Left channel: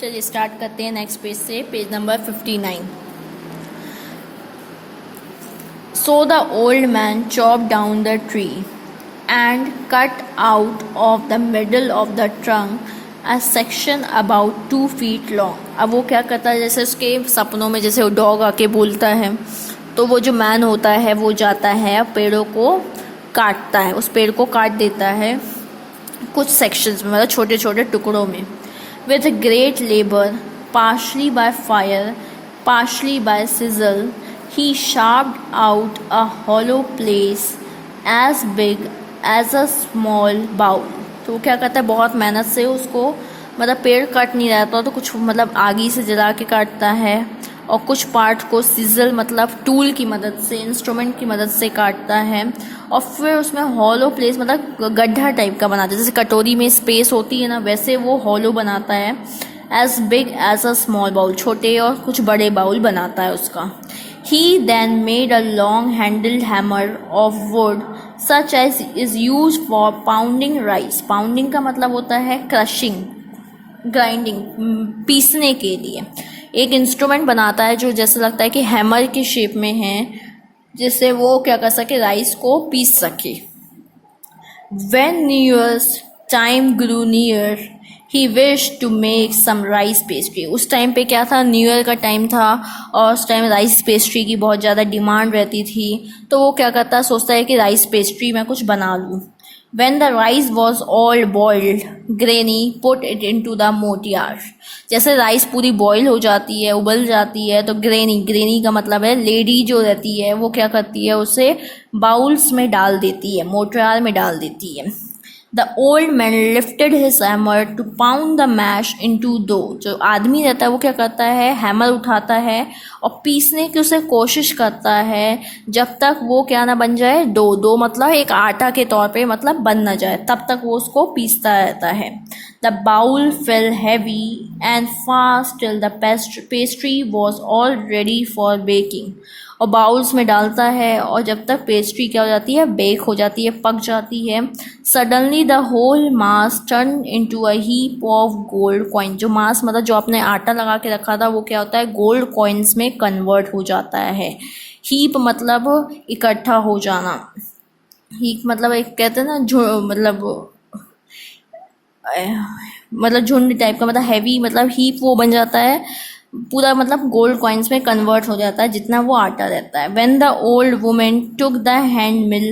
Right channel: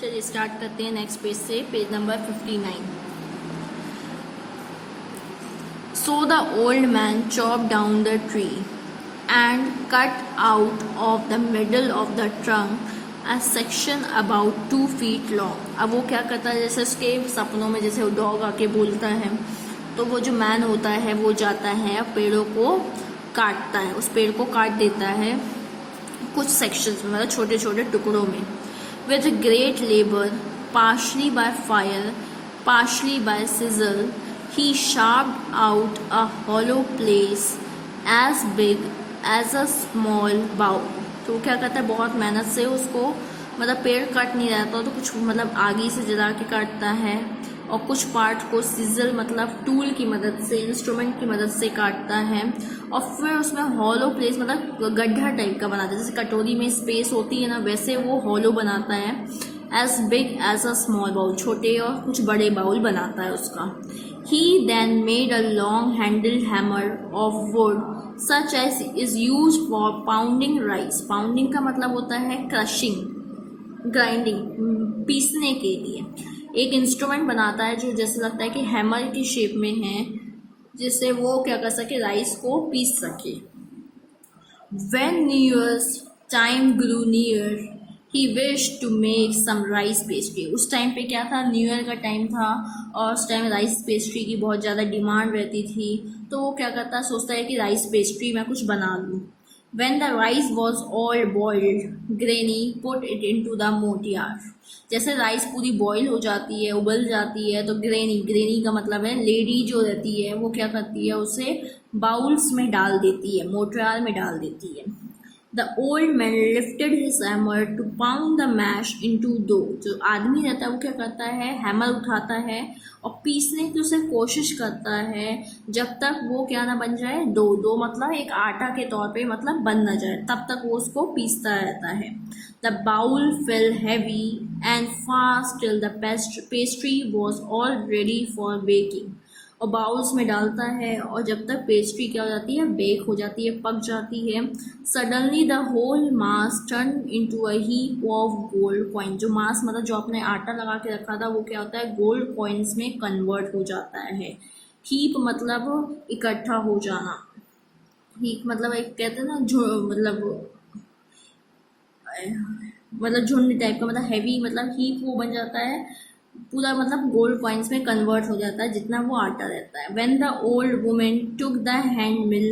चलिए स्टार्ट करते हैं नेक्स्ट पेज से, page number 59। So the old man chopped down the tree and cut out of the middle of the trunk a section about 2 feet long। अब वो क्या करता है, जैसे उसके सपनों में जैसे वो डॉग आके बोलता है, तो वो जो मैन होता है वो जाता है पेड़ों को काटता है, उस पेड़ को काट देता है कुछ सेक्शंस में, मतलब छोटे छोटे टुकड़ों में। With great labor, partially by fire, partially by sizzle, he carved out a hollow place as big as a small bowl। तो वो क्या करता है, बहुत मेहनत से उसको, मतलब पेड़ कट नहीं रहता तो कुछ मतलब आगी से जला के काटता है, और कुछ पार्ट को सिजल मतलब टूल की मदद से, इंस्ट्रूमेंट की मदद से काटता है, और फिर उसमें हॉलो प्लेस मतलब गड्ढा टाइप का बनाता है, जैसे कटोरी में स्पेस होती है ना, वैसे वो हॉलो बनाता है। As big as a small bowl, छोटे और कुछ बड़े बाउल बनाता है उसका। He then made a long handled hammer of wood such as is use for pounding rice. Pounding का मतलब होता है क्रशिंग, ग्राइंडिंग, पीसने के लिए एक इंस्ट्रूमेंट बनाता है जो जैसा लगता है कि हैमर की शेप में है, जिससे वो क्या कर सके, राइस को पीस सके। When New Year's time grew near, he wished to make some rice pastry। उस टाइम पे क्या था, न्यू ईयर का टाइम था और उस टाइम राइस पेस्ट्री की बहुत ज़्यादा डिमांड रहती थी, तो वो क्या करता है, सोचता है कि राइस पेस्ट्री मैं कुछ बना लूँ। When the rice was all boiled, Granny put it into the mortar। जैसे राइस पूरी बॉईल हो जाती है, उबल जाती है, तो ग्रेनी का मतलब है लेडी जो रहती है, वो क्या करती है, उसे बाउल्स में डाल देती है, मोर्टार में डाल देती है। The old man lifted his hammer to pound the mash into dough। जो आदमी रहता है वो क्या करता है, हैमर उठाता है और पीसने की उसे कोशिश करता है जब तक वो क्या ना बन जाए, डो मतलब एक आटा के तौर पे मतलब बन ना जाए, तब तक वो उसको पीसता रहता है। The bowl fell heavy and fast till the pastry was all ready for baking। और बाउल्स में डालता है और जब तक पेस्ट्री क्या हो जाती है, बेक हो जाती है, पक जाती है। Suddenly the whole mass turn into a heap of gold coin. जो मास मतलब जो आपने आटा लगा के रखा था वो क्या होता है, गोल्ड कॉइन्स में कन्वर्ट हो जाता है। हीप मतलब इकट्ठा हो जाना, हीप मतलब एक कहते हैं ना मतलब झुंड टाइप का, मतलब हैवी, मतलब हीप वो बन जाता है पूरा, मतलब गोल्ड कॉइन्स में कन्वर्ट हो जाता है जितना वो आटा रहता है। When the old woman took the hand mill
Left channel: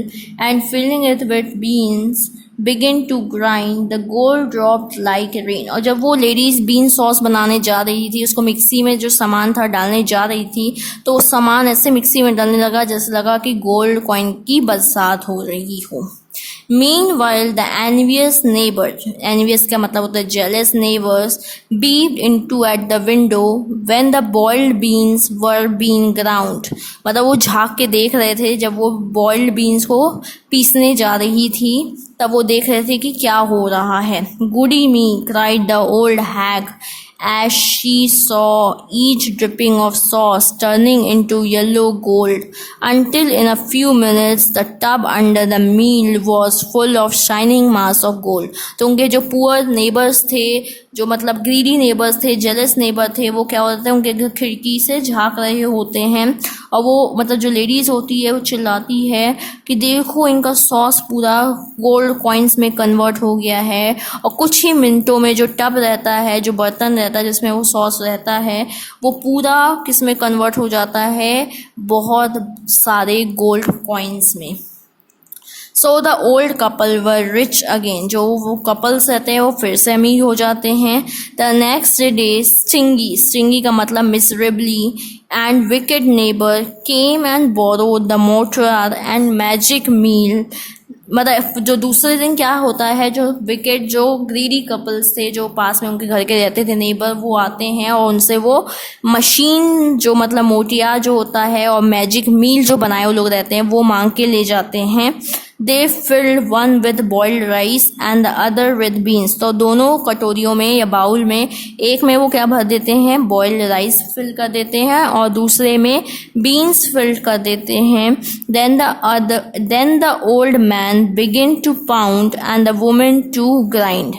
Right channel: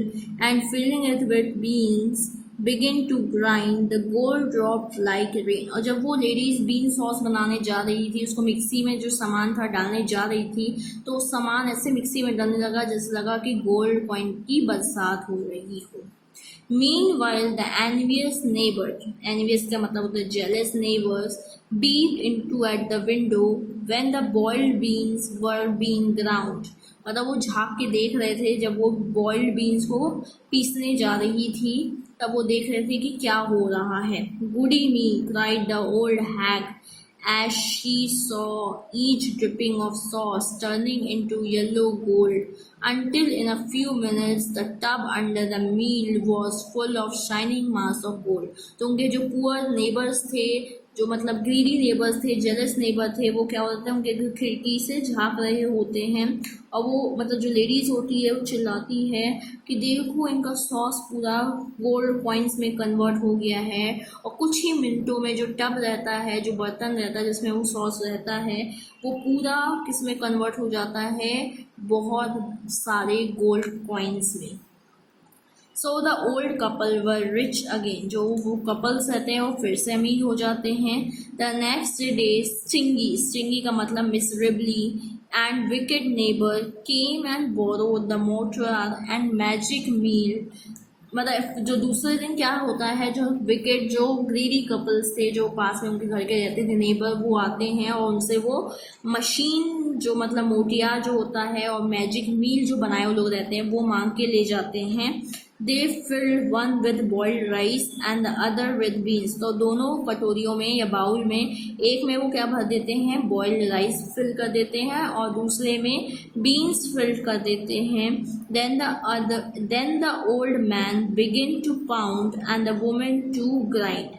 and filling it with beans begin to grind, the gold dropped like rain। और जब वो लेडीज बीन सॉस बनाने जा रही थी, उसको मिक्सी में जो सामान था डालने जा रही थी, तो वो सामान ऐसे मिक्सी में डालने लगा जैसे लगा कि गोल्ड कॉइन की बरसात हो रही हो। Meanwhile, the envious neighbors, envious का मतलब होता है jealous neighbors, peeped into at the window when the boiled beans were being ground। मतलब वो झाँक के देख रहे थे जब वो boiled beans को पीसने जा रही थी, तब वो देख रहे थे कि क्या हो रहा है। Goody me, cried the old hag as she saw each dripping of sauce turning into yellow gold, until in a few minutes the tub under the mill was full of shining mass of gold। तो उनके जो poor neighbours थे, जो मतलब greedy neighbours थे, jealous neighbour थे, वो क्या होते हैं, उनके घर खिड़की से झाँक रहे होते हैं, और वो मतलब जो लेडीज़ होती है वो चिल्लाती है कि देखो इनका सॉस पूरा गोल्ड कॉइन्स में कन्वर्ट हो गया है, और कुछ ही मिनटों में जो टब रहता है, जो बर्तन रहता है जिसमें वो सॉस रहता है, वो पूरा किस में कन्वर्ट हो जाता है, बहुत सारे गोल्ड कॉइन्स में। So the old couple were rich again. जो वो कपल्स रहते हैं वो फिर से अमीर हो जाते हैं। द नेक्स्ट डे स्टिंगी का मतलब miserably and wicked neighbour came and borrowed the mortar and magic mill. मतलब जो दूसरे दिन क्या होता है, जो विकेट, जो ग्रीडी कपल्स थे जो पास में उनके घर के रहते थे नेबर, वो आते हैं और उनसे वो मशीन जो मतलब मोटिया जो होता है और मैजिक मील जो बनाए वो लोग रहते हैं वो मांग के ले जाते हैं। They filled one with boiled rice and the other with beans. तो दोनों कटोरियों में या बाउल में, एक में वो क्या भर देते हैं, बॉइल्ड राइस फिल कर देते हैं और दूसरे में बीन्स फिल कर देते हैं। Then the old man begin to pound and the women to grind.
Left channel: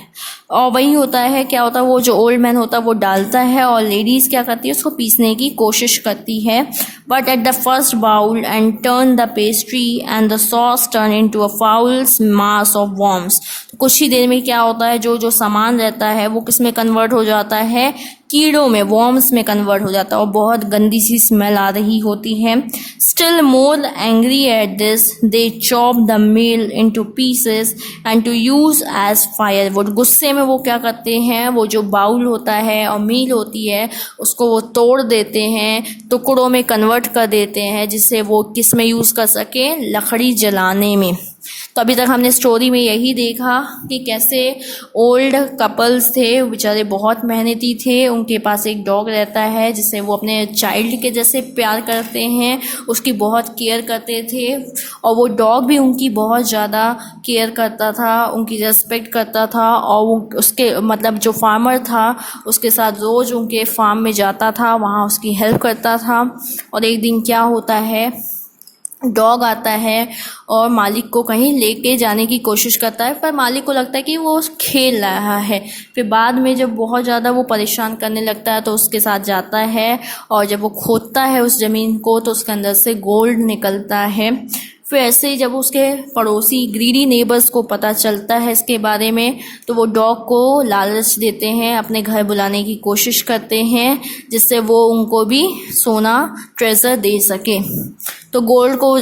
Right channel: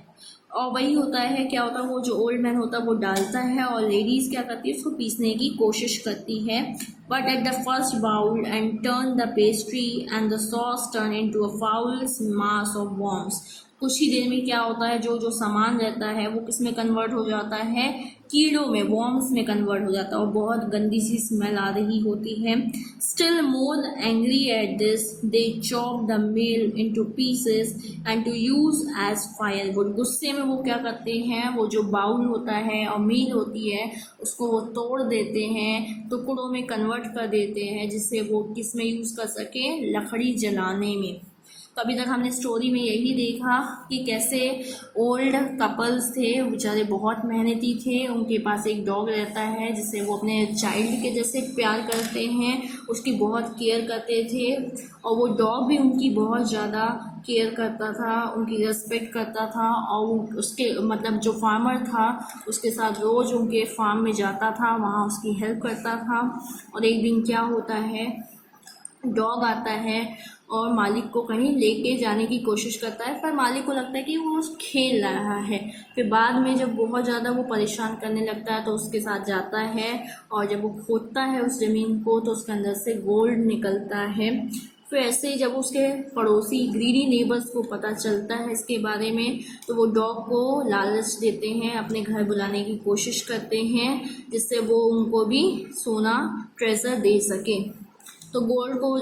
और वही होता है, क्या होता है, वो जो ओल्ड मैन होता है वो डालता है और लेडीज़ क्या करती है, उसको पीसने की कोशिश करती है। But at the first bowl and turn the pastry and the sauce turn into a fouls mass of worms. तो कुछ ही देर में क्या होता है, जो जो सामान रहता है वो किस में कन्वर्ट हो जाता है, कीड़ों में, वॉर्म्स में कन्वर्ट हो जाता है, और बहुत गंदी सी स्मेल आ रही होती है। Still more angry at this they chop the meal into pieces and to use as firewood. गुस्से में वो क्या करते हैं, वो जो बाउल होता है और मील होती है उसको वो तोड़ देते हैं, टुकड़ों में कन्वर्ट कर देते हैं, जिससे वो किस में यूज़ कर सके, लकड़ी जलाने में। तो अभी तक हमने स्टोरी में यही देखा कि कैसे ओल्ड कपल्स थे, बेचारे बहुत मेहनती थे, उनके पास एक डॉग रहता है जिससे वो अपने चाइल्ड के जैसे प्यार करते हैं, उसकी बहुत केयर करते थे, और वो डॉग भी उनकी बहुत ज़्यादा केयर करता था, उनकी रिस्पेक्ट करता था, और वो उसके मतलब जो फार्मर था उसके साथ रोज़ उनके फार्म में जाता था, वहाँ उसकी हेल्प करता था। और एक दिन क्या होता है, डॉग आता है और मालिक को कहीं लेके जाने की कोशिश करता है, पर मालिक को लगता है कि वो खेल रहा है। फिर बाद में जब बहुत ज़्यादा वो परेशान करने लगता है तो उसके साथ जाता है, और जब वो खोदता है उस ज़मीन को तो उसके अंदर से गोल्ड निकलता है। फिर ऐसे ही जब उसके पड़ोसी ग्रीडी नेबर्स को पता चलता है इसके बारे में, तो वो डॉग को लालच देते हैं, अपने घर बुलाने की कोशिश करते हैं, जिससे वो उनको भी सोना ट्रेजर दे सके। तो गोल्ड को,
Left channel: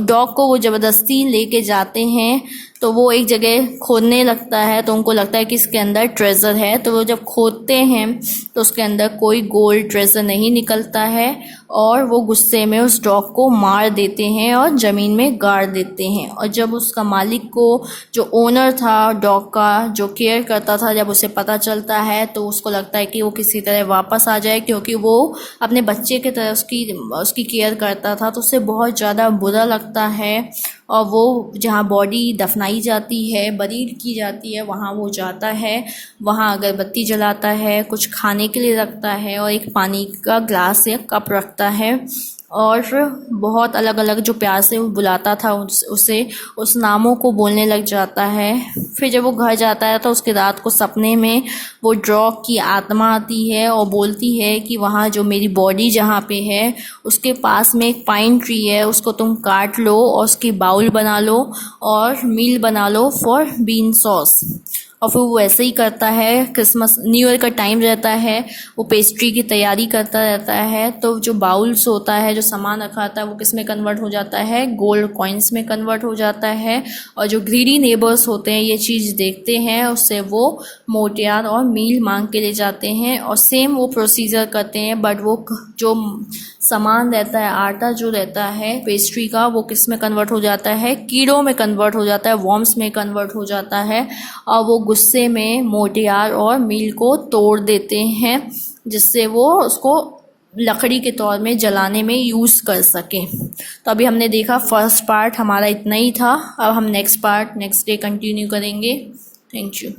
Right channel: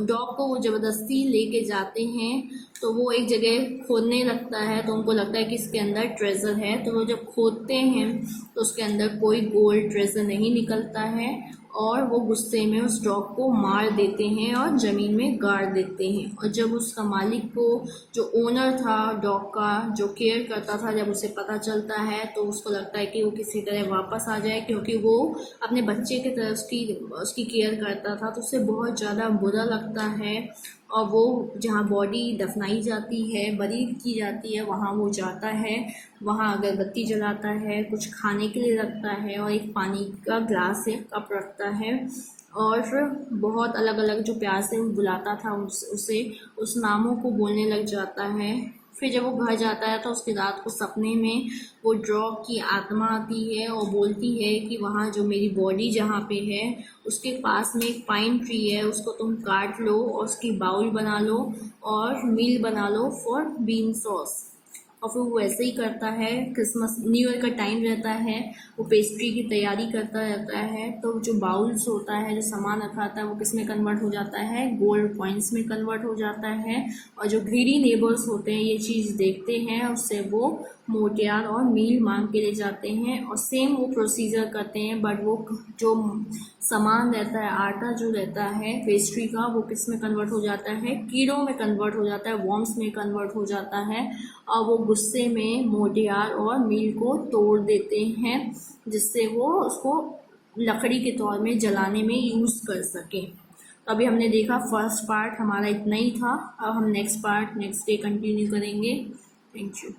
डॉग को वो ज़बरदस्ती लेके जाते हैं, तो वो एक जगह खोदने लगता है, तो उनको लगता है कि इसके अंदर ट्रेज़र है। तो वो जब खोदते हैं तो उसके अंदर कोई गोल्ड ट्रेज़र नहीं निकलता है, और वो गुस्से में उस डॉग को मार देते हैं और ज़मीन में गाड़ देते हैं। और जब उसका मालिक को, जो ओनर था डॉग का, जो केयर करता था, जब उसे पता चलता है तो उसको लगता है कि वो किसी तरह वापस आ जाए, क्योंकि वो अपने बच्चे की तरह उसकी केयर करता था। तो उससे बहुत ज़्यादा बुरा लगता है, और वो जहाँ बॉडी दफनाई जाती है, बरी की जाती है, वहाँ वो जाता है, वहाँ अगरबत्ती जलाता है, कुछ खाने के लिए रखता है, और एक पानी का ग्लास या कप रखता है, और बहुत अलग अलग जो प्यार से वो बुलाता था उसे उस नामों को बोलने लग जाता है। फिर जब वो घर जाता है तो उसके रात को सपने में वो डॉग की आत्मा आती है और बोलती है कि वहाँ जो मेरी बॉडी जहाँ पे है उसके पास में एक पाइन ट्री है, उसको तुम काट लो और उसकी बाउल बना लो और मील बना लो फॉर बीन सॉस। और फिर वो वैसे ही करता है। क्रिसमस न्यू ईयर का टाइम रहता है, वो पेस्ट्री की तैयारी करता रहता है। तो जो बाउल्स होता है, जो सामान रखा आता है, वो किस में कन्वर्ट हो जाता है, गोल्ड कॉइन्स में कन्वर्ट हो जाता है। और जो ग्रीडी नेबर्स होते हैं ये चीज़ देखते हैं, उससे वो मोटियार और मील मांग के ले जाते हैं, और सेम वो प्रोसीजर करते हैं। बट वो जो सामान रहता है, आटा जो रहता है पेस्ट्री का, वो किस में कन्वर्ट हो जाता है, कीड़ों में कन्वर्ट हो जाता है, वॉर्म्स में कन्वर्ट हो जाता है। और वो गुस्से में मोटियार और मील को तोड़ देते हैं, जिससे वो उसको लकड़ी के तौर में जलाने में यूज़ कर सकें। तो अभी हमने देखा फर्स्ट पार्ट हमारा इतना ही था। अब हम next part next day continue करेंगे। Thank you.